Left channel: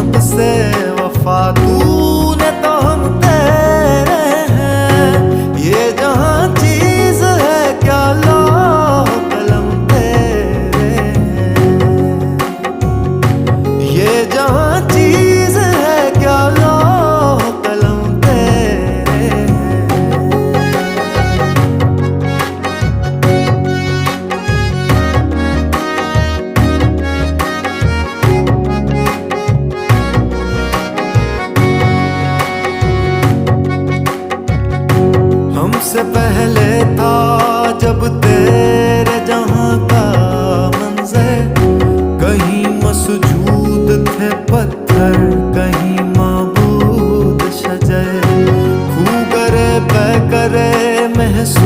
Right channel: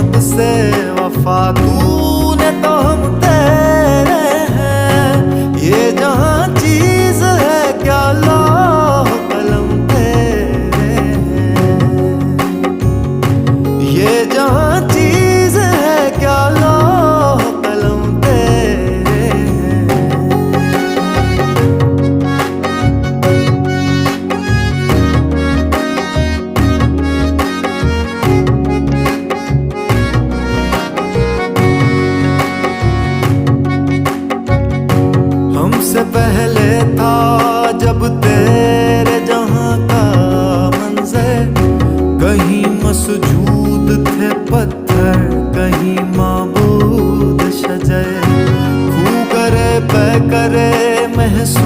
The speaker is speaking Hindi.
मोहम्मद से वफा तूने तो हम तेरे हैं। ये जहां चीज है क्या लौह कलम तेरे हैं। ये जहां चीज है क्या लौह कलम तेरे हैं। हमसे पहले था जब तेरे जहां का मंजर, कहीं मसजूद थे पत्थर कहीं माबूद शजर। खू करे पे करे महसूस